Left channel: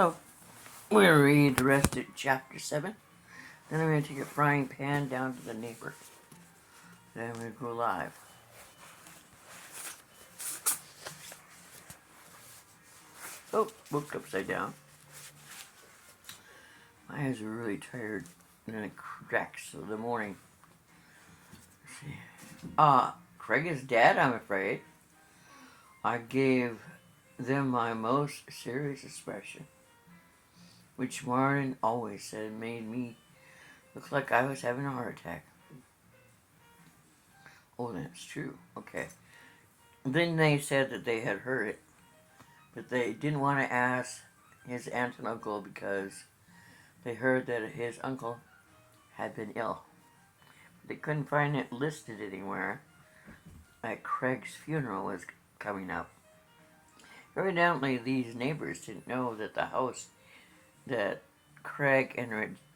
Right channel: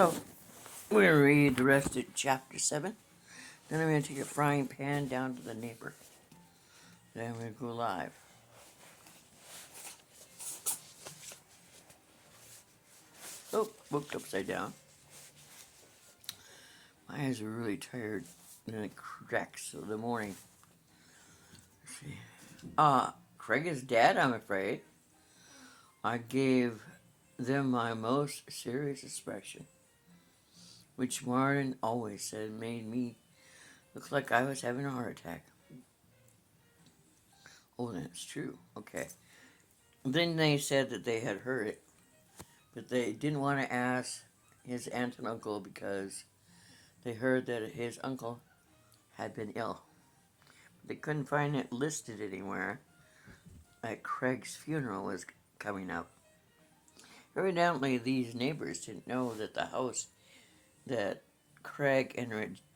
Hello. We're going to read the rest of chapter 7. Then I'm going to take a frying pan down to the neighbor. Then I'm going to go live. Oh, booked upside down. My eyes are really tired, and then it cracks in the morning. Craig is dead, I'm afraid. I gave them my most serious expression, which Martin always said made me look like I was having a heart attack. Oh, that's true. Okay. Then they said that they had heard it, but they didn't want to ask his aunt and uncle because they heard that his uncle had been ill. They couldn't find it listed anywhere that Craig's funeral was coming up. Evidently, these neighbors didn't know that the house that Craig and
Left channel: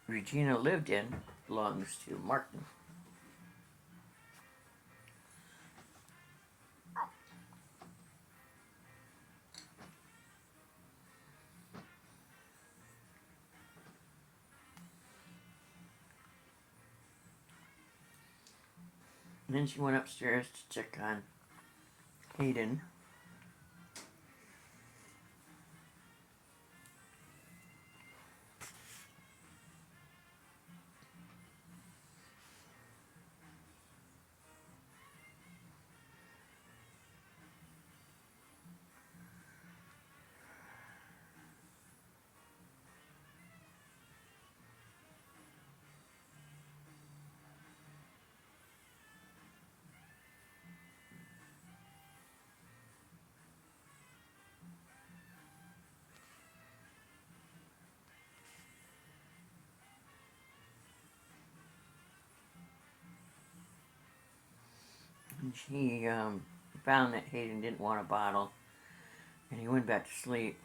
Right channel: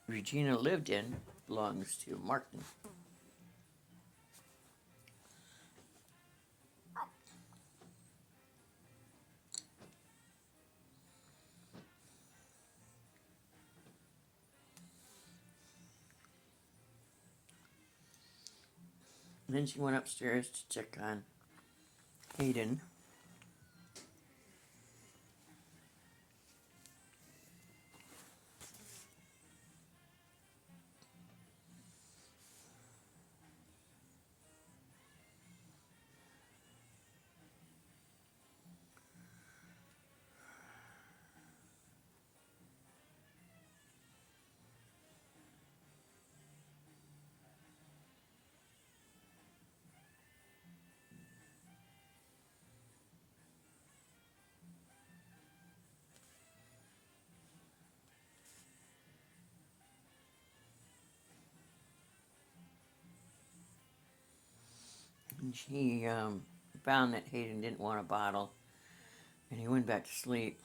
Regina lived in belongs to Martin. And then she went upstairs to check on Hayden. And she found that Hayden didn't want a bottle, and he went back to sleep.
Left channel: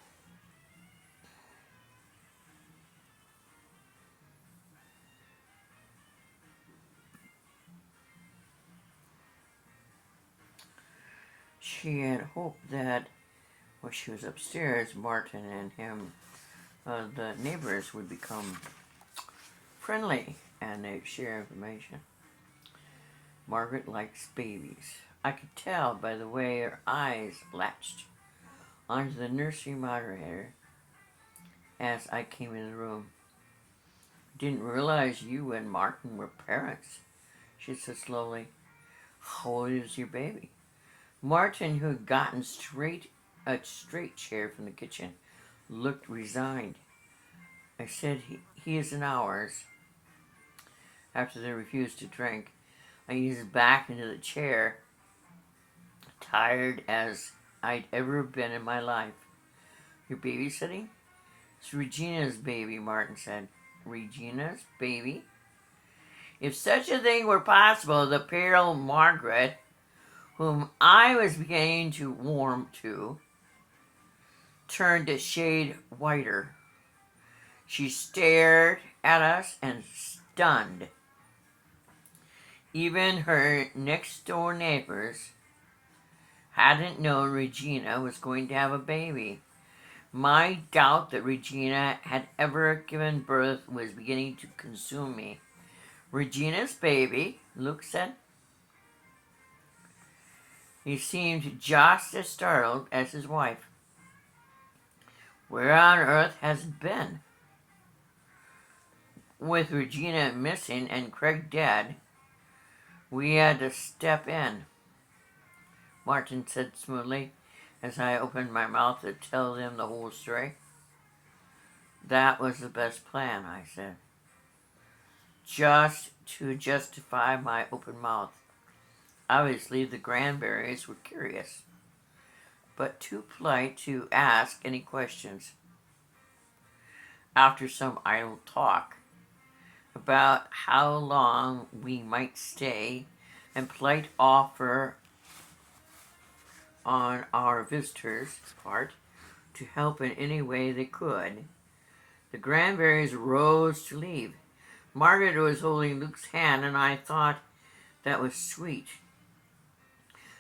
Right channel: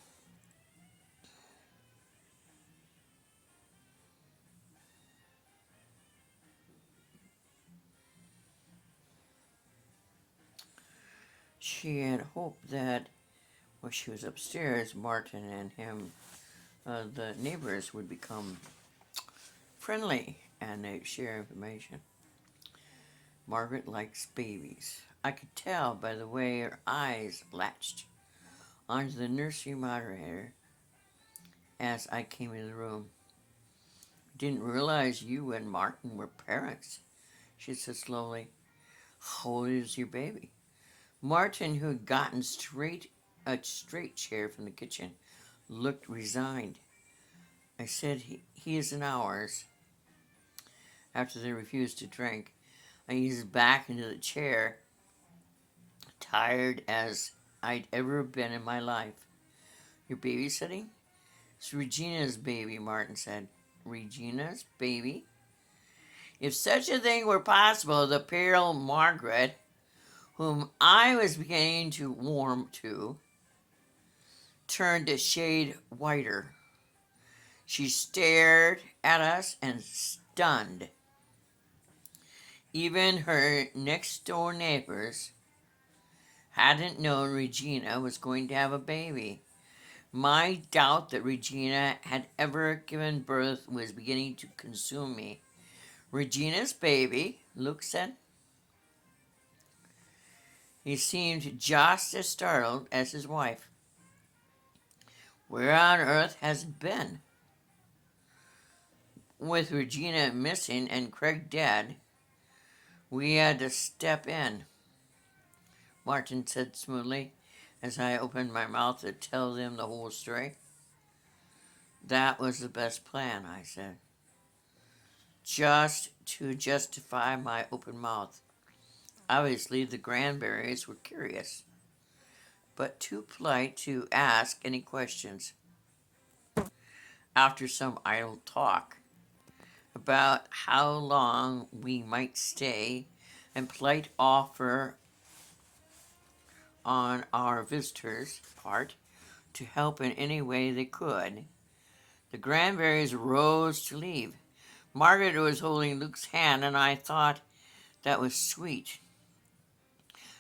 She had hoped that while she was upstairs, Martin and him, the neighbors, would become friendly and they'd share information. Margaret likes babies. I could tell by the way her eyes latched onto the nursery moderator as I came in the room. I didn't realize you and Martin were parents, she said slowly. How old is your baby? Martin, who had gotten a straight chair from the kitchen, looked resigned. I said he isn't ours. After they refused to drink, I eased back into the chair, tired as I'd ever been in my life. You're babysitting? It's Regina's baby, Martin said. Regina's baby? If such a thing were possible, the pale Margaret, whom I was beginning to warm to, turned a shade whiter. She stared at us and stunned. Even her next-door neighbors hadn't known Regina was going to have a baby. My doubt that Regina had ever given birth was beginning to consume me. Regina's baby, Luke said. He seemed just as startled as his wife. Where on earth has it been? With Regina missing and Craig dead, we had to step in, Martin said smoothly as I opened my mouth to tell them the whole story. That was the best plan, I said. Just to justify my open mouth. Obviously, the Granberries were curious, but too polite to ask any questions. After some idle talk about how long we might stay and polite offer on our visitors' part to help in any way they could, the Granberries rose to leave. Margaret was holding Luke's hand, and I thought that was sweet.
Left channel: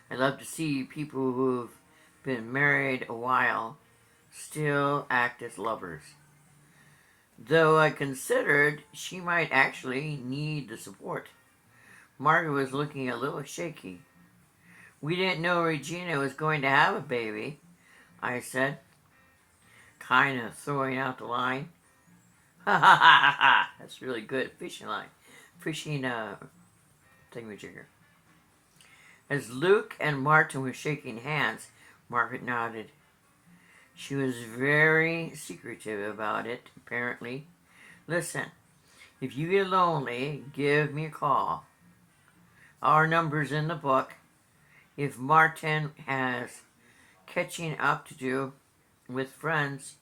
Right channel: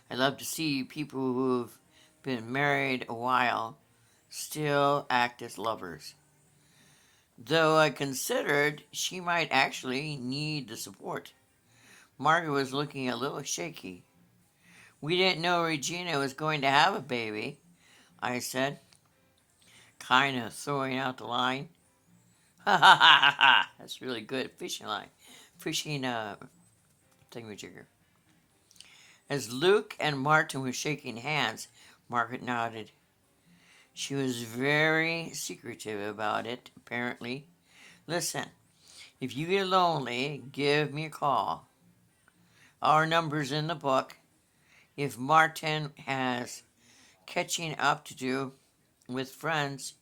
I love to see people who've been married a while still act as lovers. Though I considered she might actually need the support. Margaret was looking a little shaky. We didn't know Regina was going to have a baby, I said, kind of throwing out the line. Ha ha ha ha ha! That's really good fishing line. Fishing thingamajigger. As Luke and Martin were shaking hands, Margaret nodded. She was very secretive about it, apparently. Listen, if you get lonely, give me a call. Our number's in the book. If Martin has catching up to do with friends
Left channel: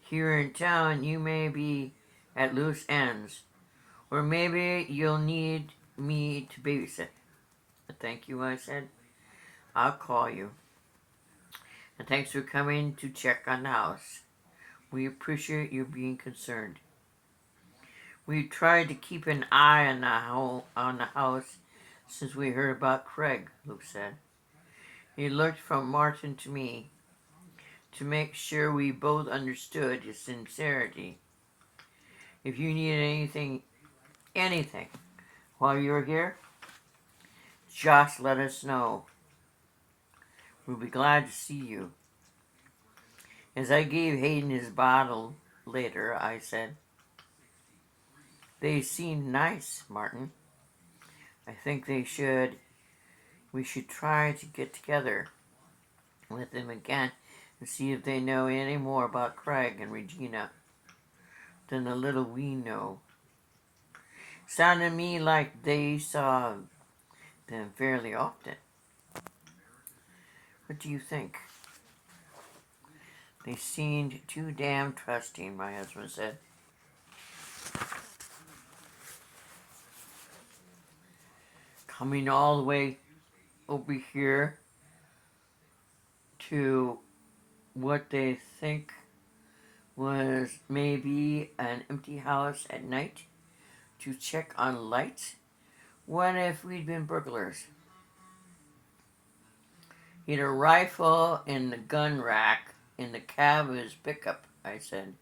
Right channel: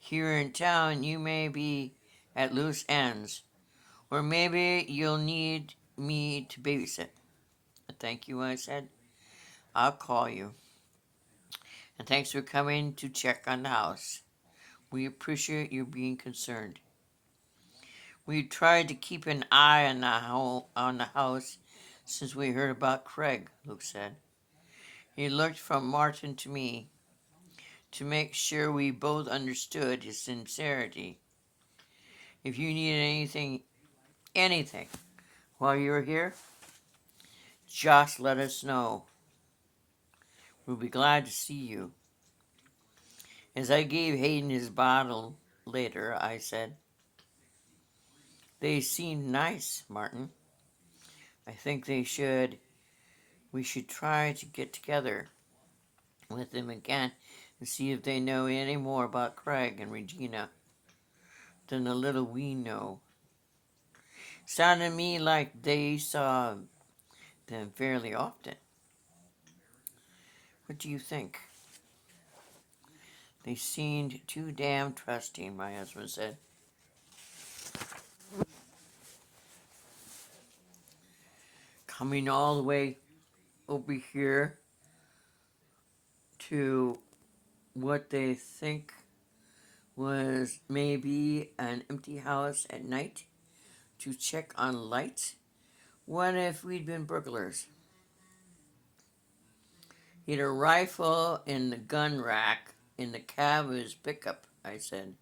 here in town, you may be at loose ends. Or maybe you'll need me to babysit. Thank you, I said. I'll call you. And thanks for coming to check on the house. We appreciate you being concerned. We tried to keep an eye on the house since we heard about Craig, Luke said. He looked from Martin to me to make sure we both understood his sincerity. If you need anything, while you're here, just let us know. We'll be glad to see you. As I gave Hayden his bottle later, I said, they seemed nice, Martin. I think we should try to get together with them again and see if they know any more about Craig and Regina than the little we know. Sounded to me like they saw them fairly often. What do you think? They seemed too damn trusting, my husband said. Coming all the way over here to what they think was maybe an empty house at night to check on lights. What if we'd been burglars? He had a rifle in the gun rack in the cab of his pickup, I said,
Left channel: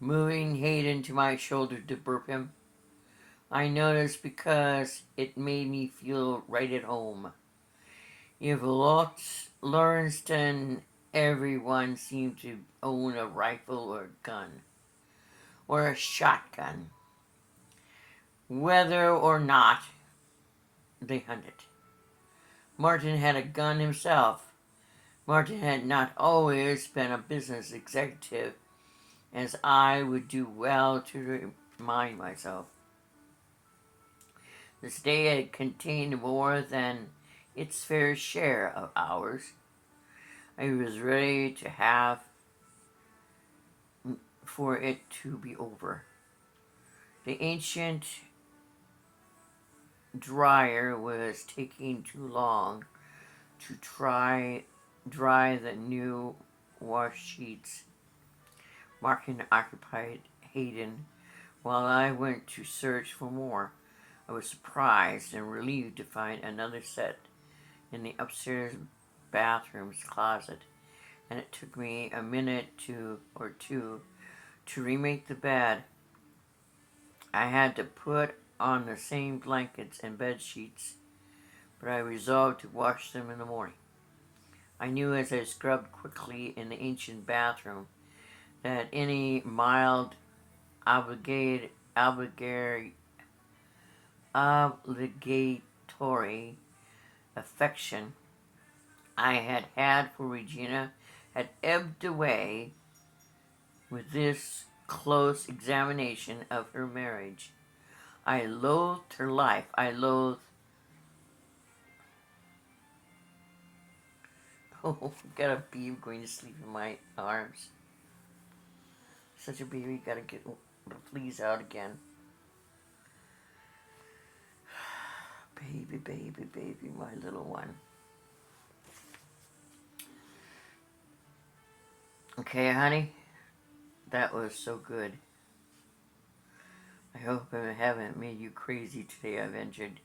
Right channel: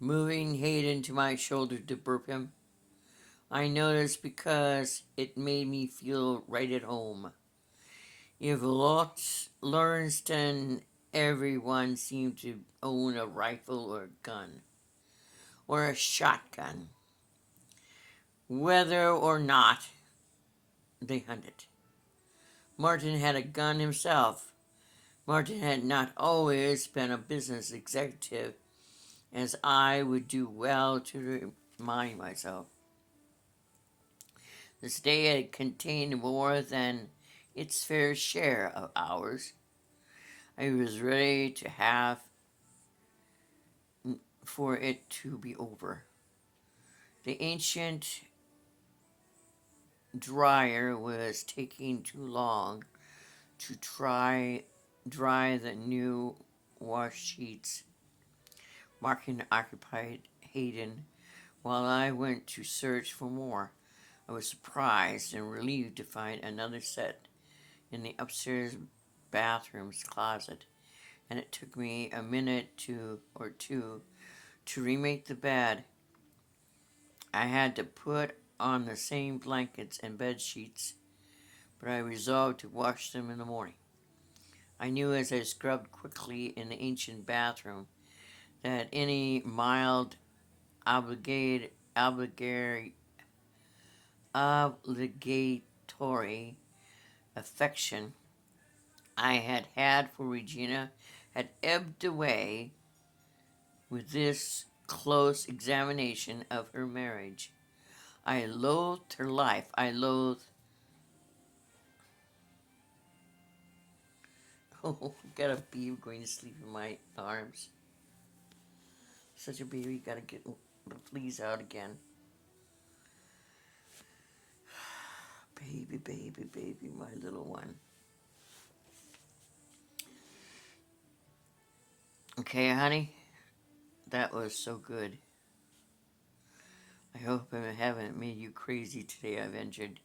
moving Hayden to my shoulder to burp him. I noticed because it made me feel right at home. If Lawrenceston, everyone seemed to own a rifle or a gun, or a shotgun, whether or not they hunted. Martin had a gun himself. Martin had not always been a business executive, as I would do well to remind myself. This day had contained more than its fair share of hours. I was ready to have for it to be over. The ancient dryer was taking too long to dry the new wash sheets. Martin occupied Hayden while I went to search for more. I was surprised and relieved to find another set in the upstairs bathroom's closet, and it took me a minute or two to remake the bed. I had to put on the same blankets and bed sheets, but I resolved to wash them in the morning. I knew as I scrubbed quickly in the ancient bathroom that any mild obligatory affection I had for Regina had ebbed away with this close examination of her marriage. I loathed her life. Oh, got a baby going to sleep in my arms. Such a baby, gotta get the fleas out again. Baby, baby, baby, my little one. Okay, honey, that was so good. I hope I haven't made you crazy today, I ventured.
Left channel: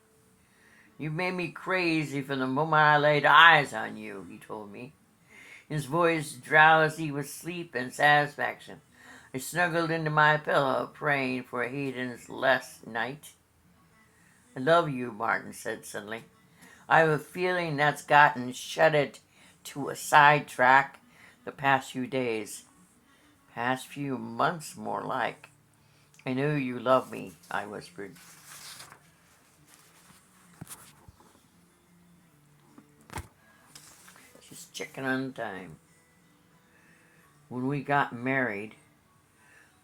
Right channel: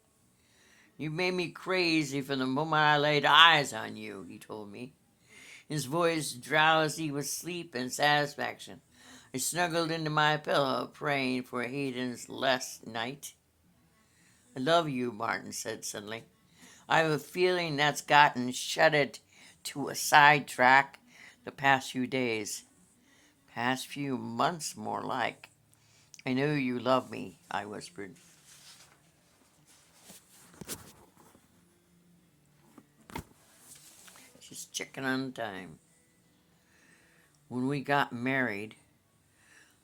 You made me crazy from the moment I laid eyes on you, he told me. his voice drowsy with sleep and satisfaction. I snuggled into my pillow, praying for Hayden's last night. I love you, Martin said suddenly. I have a feeling that's gotten shutted to a sidetrack the past few days. Past few months, more like. I know you love me, I whispered. Just checking on time. When we got married,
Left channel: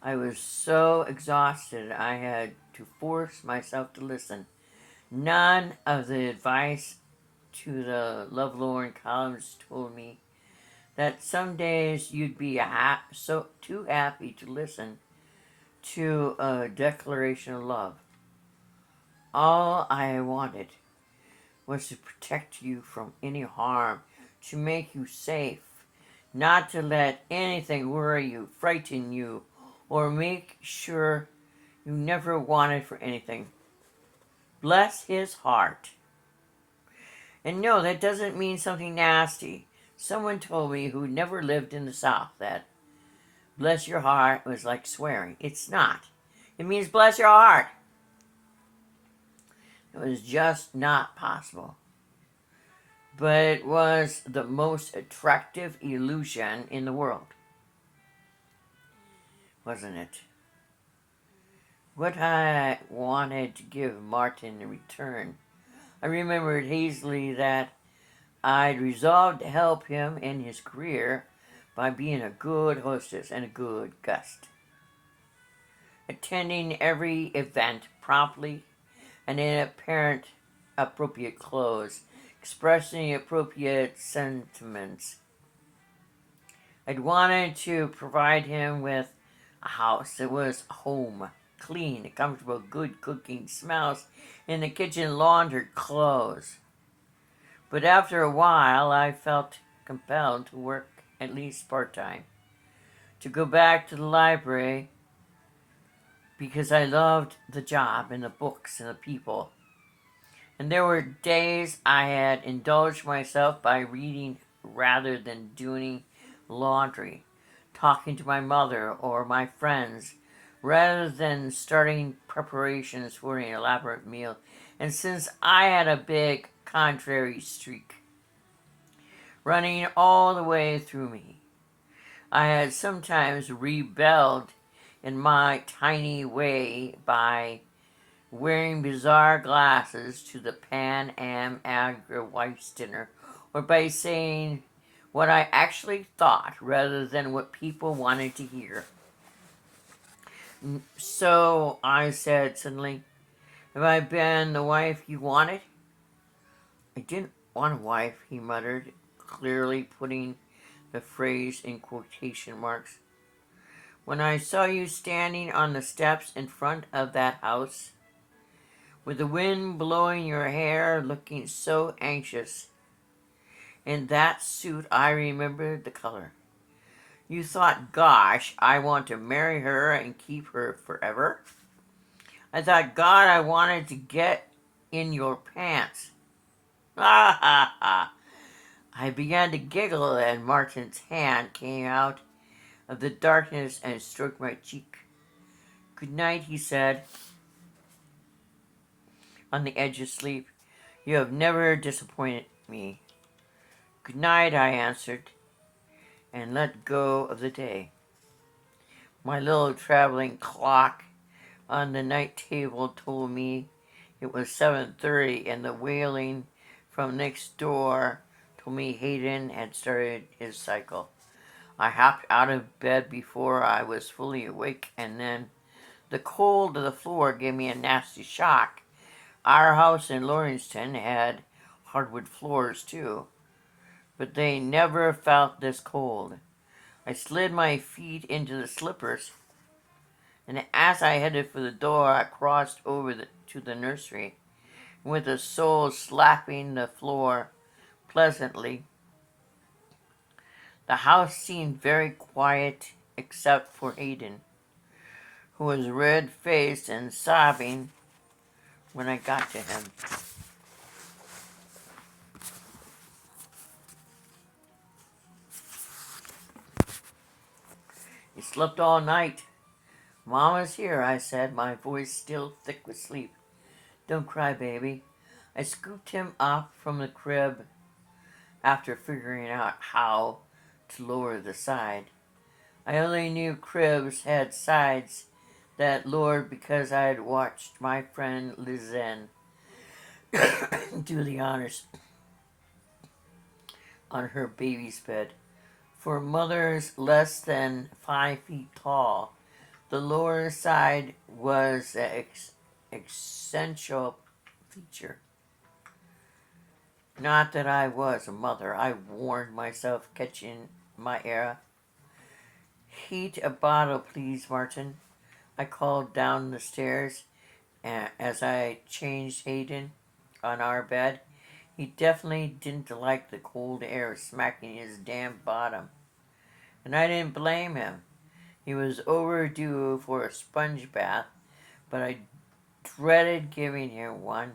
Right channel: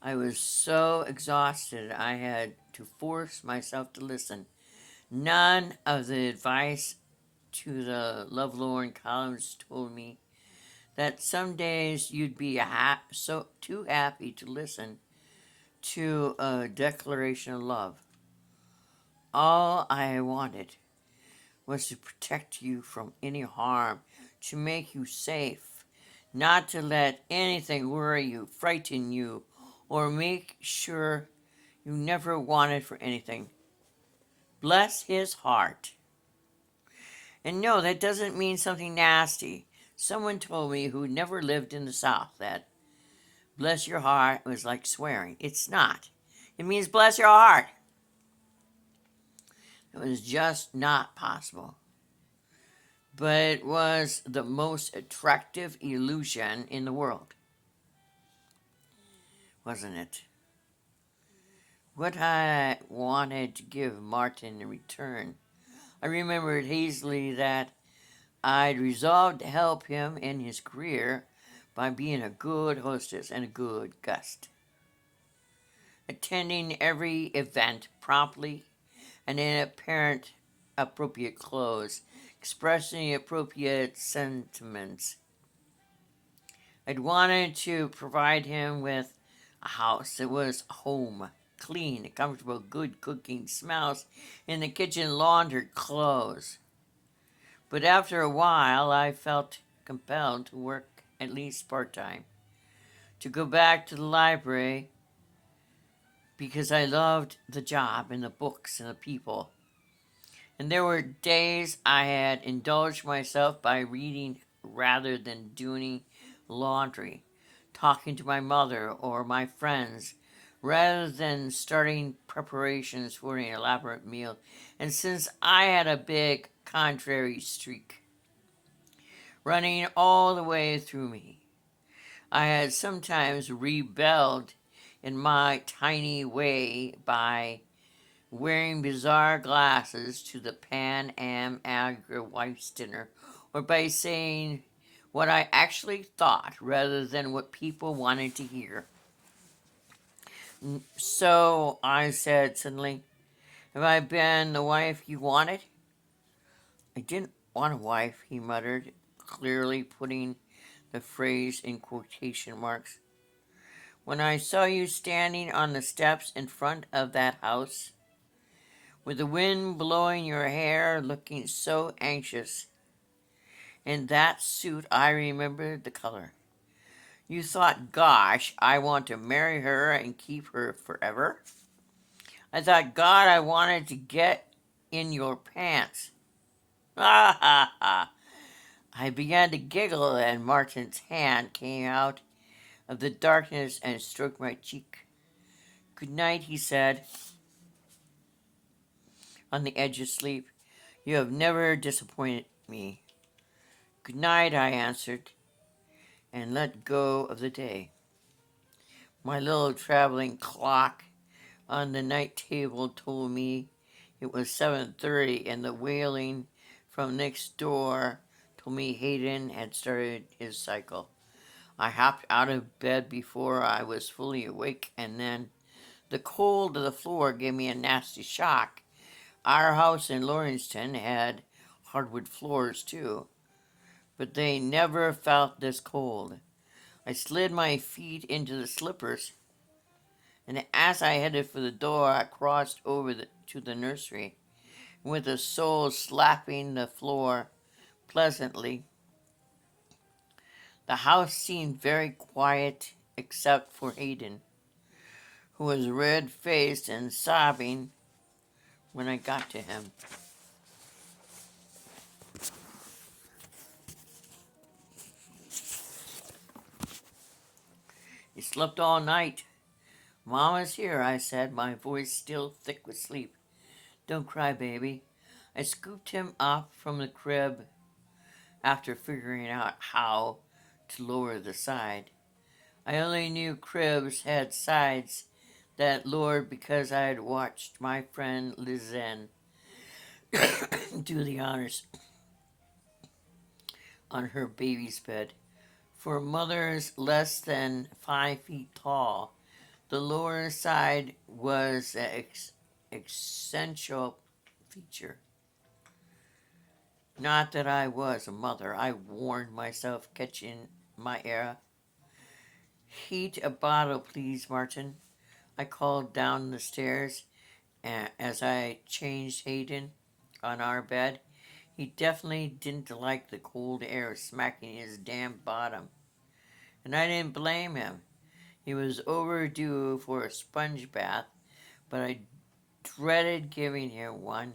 I was so exhausted I had to force myself to listen. None of the advice to the lovelorn columns told me that some days you'd be so too happy to listen to a declaration of love. All I wanted was to protect you from any harm, to make you safe, not to let anything worry you, frighten you, or make sure you never wanted for anything. Bless his heart. And no, that doesn't mean something nasty. Someone told me who never lived in the South that bless your heart was like swearing. It's not. It means bless your heart. It was just not possible. But it was the most attractive illusion in the world. Wasn't it? What I wanted to give Martin in return. I remembered hazily that I'd resolved to help him in his career by being a good hostess and a good guest. Attending every event promptly and in appropriate clothes, expressing appropriate sentiments. I'd wanted to provide him with a house that was home, clean, comfortable, good cooking, smells in the kitchen, laundered clothes. But after a while, I felt compelled to work at least part-time, to go back to the library because I loved the job and the books and the people. And there were days I had indulged myself by reading rather than doing laundry, talking to my mother or my friends rather than starting preparations for an elaborate meal. And since I had a big contrary streak running all the way through me, I had sometimes rebelled in my tiny way by wearing bizarre glasses to the Pan Am Agra wife's dinner, or by saying what I actually thought rather than what people wanted to hear. So I said suddenly, have I been the wife you wanted? I didn't want a wife, he muttered, clearly putting the phrase in quotation marks. When I saw you standing on the steps in front of that house, with the wind blowing your hair, looking so anxious, in that suit, I remembered the color. You thought, gosh, I want to marry her and keep her forever? I thought, God, I wanted to get in your pants. Ha ha ha. I began to giggle, and Martin's hand came out of the darkness and stroked my cheek. Good night, he said, on the edge of sleep. You have never disappointed me. Good night, I answered, and let go of the day. My little traveling clock on the night table told me it was 7:30, and the wailing from next door told me Hayden had started his cycle. I hopped out of bed before I was fully awake, and then the cold of the floor gave me a nasty shock. Our house in Lawrencetown had hardwood floors too, but they never felt this cold. I slid my feet into the slippers, and as I headed for the door, I crossed over to the nursery, with the sole slapping the floor pleasantly. The house seemed very quiet except for Hayden, who was red-faced and sobbing when I got to him. He slept all night. Mama's here, I said, my voice still thick with sleep. Don't cry, baby. I scooped him up from the crib after figuring out how to lower the side. I only knew cribs had sides that lowered because I had watched my friend Lizen do the honors on her baby's bed. For mothers less than 5 feet tall, the lower side was an essential feature. Not that I was a mother, I warned myself, catching my air. Heat a bottle, please, Martin. I called down the stairs as I changed Hayden on our bed. He definitely didn't like the cold air smacking his damn bottom. And I didn't blame him. He was overdue for a sponge bath, but I dreaded giving him one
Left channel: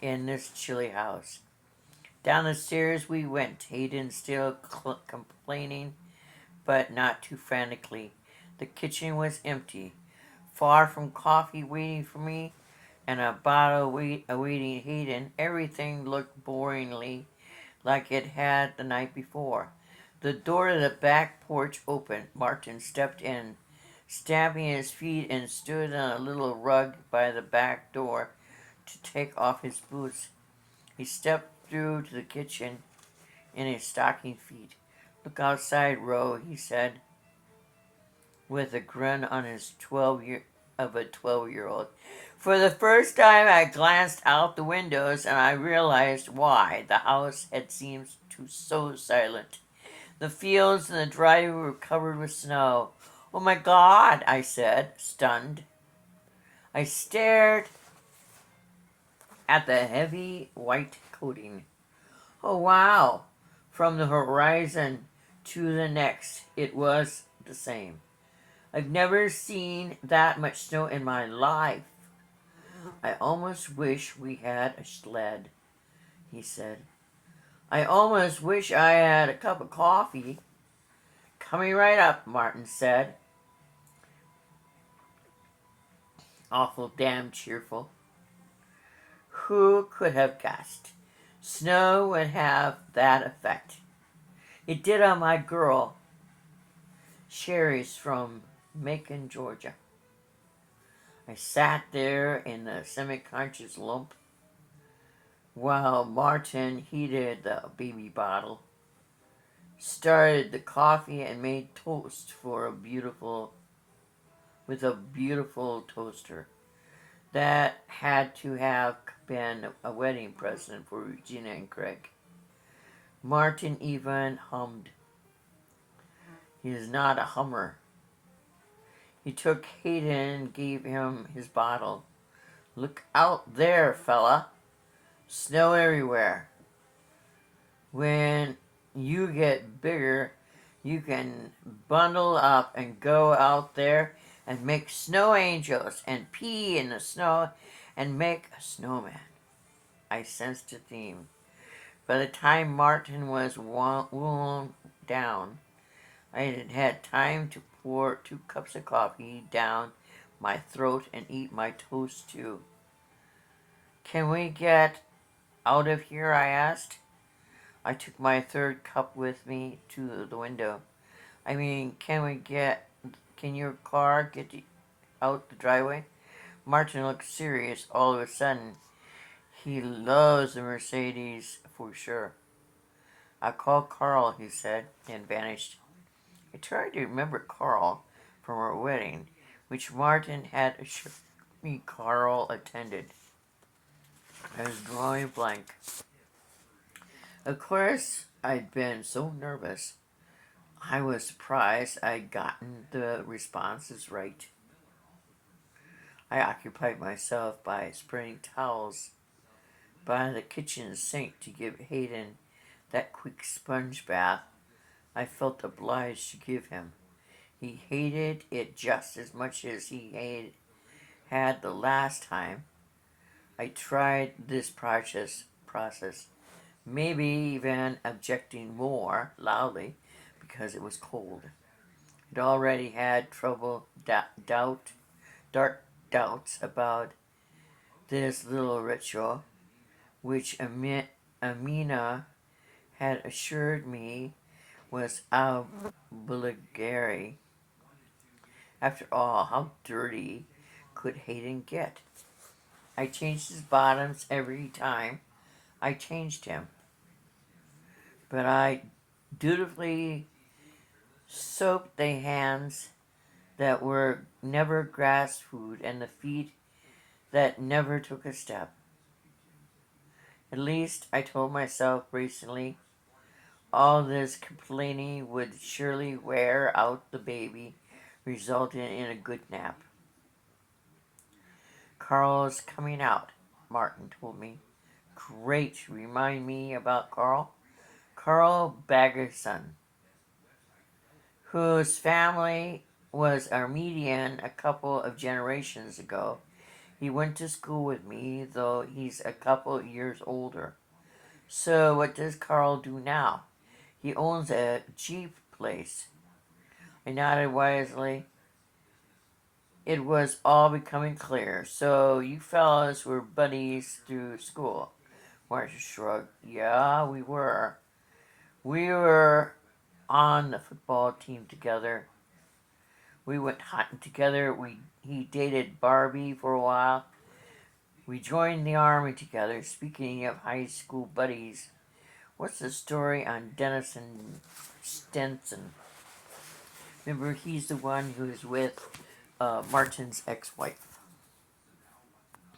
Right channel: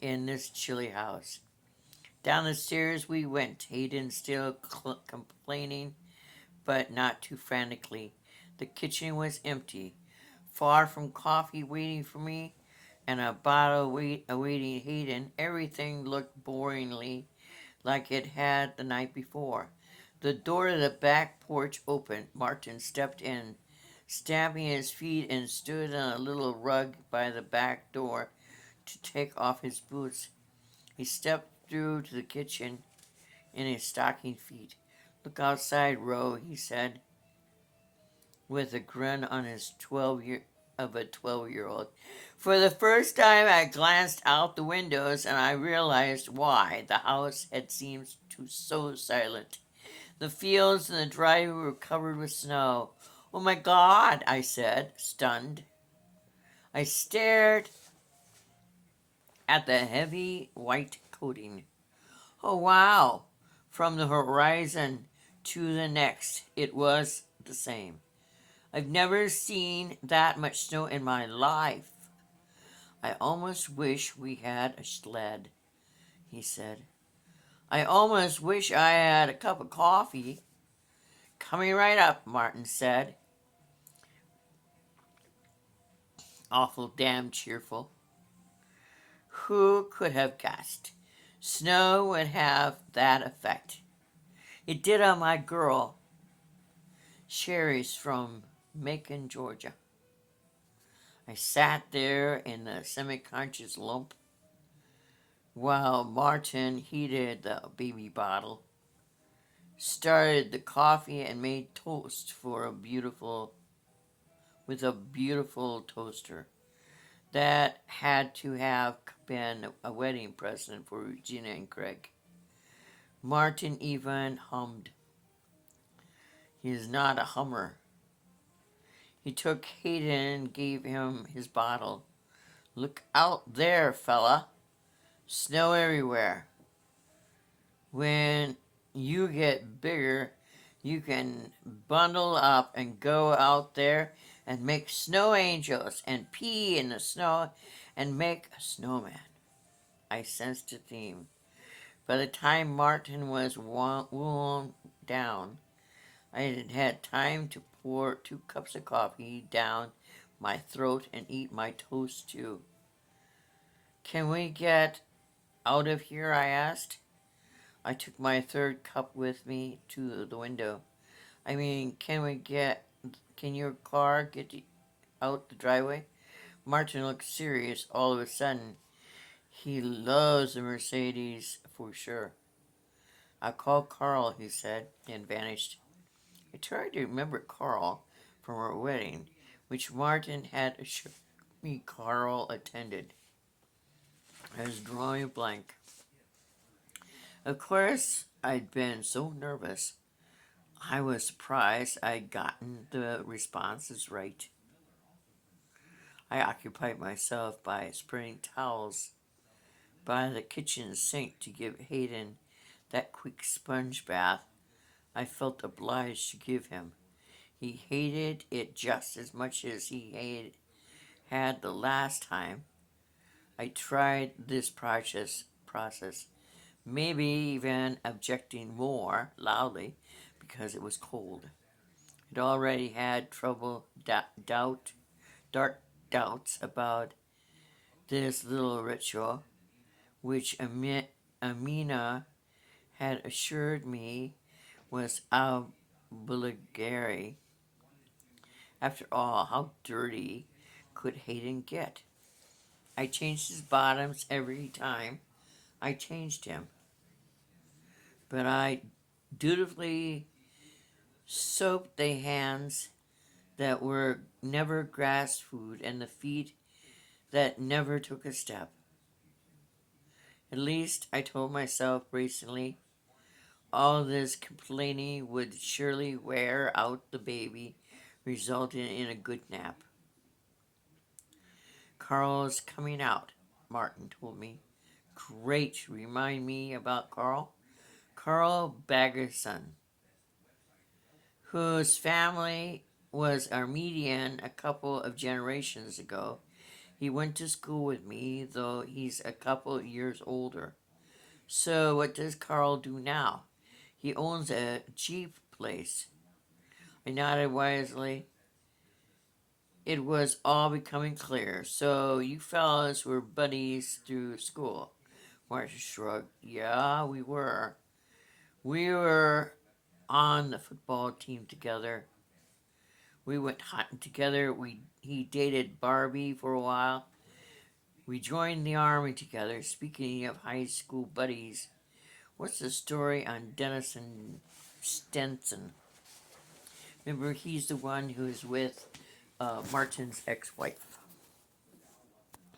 in this chilly house. Down the stairs we went, Hayden still complaining, but not too frantically. The kitchen was empty. Far from coffee waiting for me and a bottle awaiting Hayden, everything looked boringly like it had the night before. The door to the back porch opened. Martin stepped in, stamping his feet, and stood on a little rug by the back door to take off his boots. He stepped through to the kitchen in his stocking feet. Look outside, Ro, he said, with a grin on his 12-year-old. For the first time, I glanced out the windows and I realized why the house had seemed so silent. The fields and the driveway were covered with snow. Oh my God, I said, stunned. I stared at the heavy white coating. Oh wow, from the horizon to the next, it was the same. I've never seen that much snow in my life. I almost wish we had a sled, he said. I almost wish I had a cup of coffee. Coming right up, Martin said. Awful damn cheerful. Who could have guessed? Snow would have that effect. It did on my girl, Sherry's from Macon, Georgia. I sat there in the semi-conscious lump while Martin heated the baby bottle, started the coffee, and made toast with a beautiful toaster. That had to have been a wedding present for Regina and Craig. Martin even hummed. He is not a hummer. He took Hayden and gave him his bottle. Look out there, fella. Snow everywhere. When you get bigger, you can bundle up and go out there and make snow angels and pee in the snow and make a snowman. I sensed a theme. By the time Martin was wound down, I had had time to pour 2 cups of coffee down my throat and eat my toast too. Can we get out of here? I asked. I took my 3rd cup with me to the window. I mean, can your car get out the driveway? Martin looked serious all of a sudden. He loves a Mercedes for sure. I'll call Carl, he said, and vanished. I tried to remember Carl from our wedding, which Martin had assured me Carl attended. I was drawing a blank. Of course, I'd been so nervous. I was surprised I'd gotten the responses right. I occupied myself by spreading towels by the kitchen sink to give Hayden that quick sponge bath I felt obliged to give him. He hated it just as much as he had the last time I tried this process, maybe even objecting more loudly because it was cold. It had already had dark doubts about this little ritual, which Amina had assured me was obligatory. After all, how dirty could Hayden get? I changed his bottoms every time I changed him, but I dutifully soaped the hands that were never grass food and the feet that never took a step. At least, I told myself recently, all this complaining would surely wear out the baby, resulting in a good nap. Carl's coming out, Martin told me. Great, remind me about Carl. Carl Baggerson, whose family was Armenian a couple of generations ago. He went to school with me, though he's a couple years older. So what does Carl do now? He owns a Jeep place. I nodded wisely. It was all becoming clear. So you fellas were buddies through school. Marcia shrugged. Yeah, we were. We were on the football team together. We went hunting together. He dated Barbie for a while. We joined the army together. Speaking of high school buddies, what's the story on Dennison Stenson? Remember, he's the one who's with Martin's ex-wife.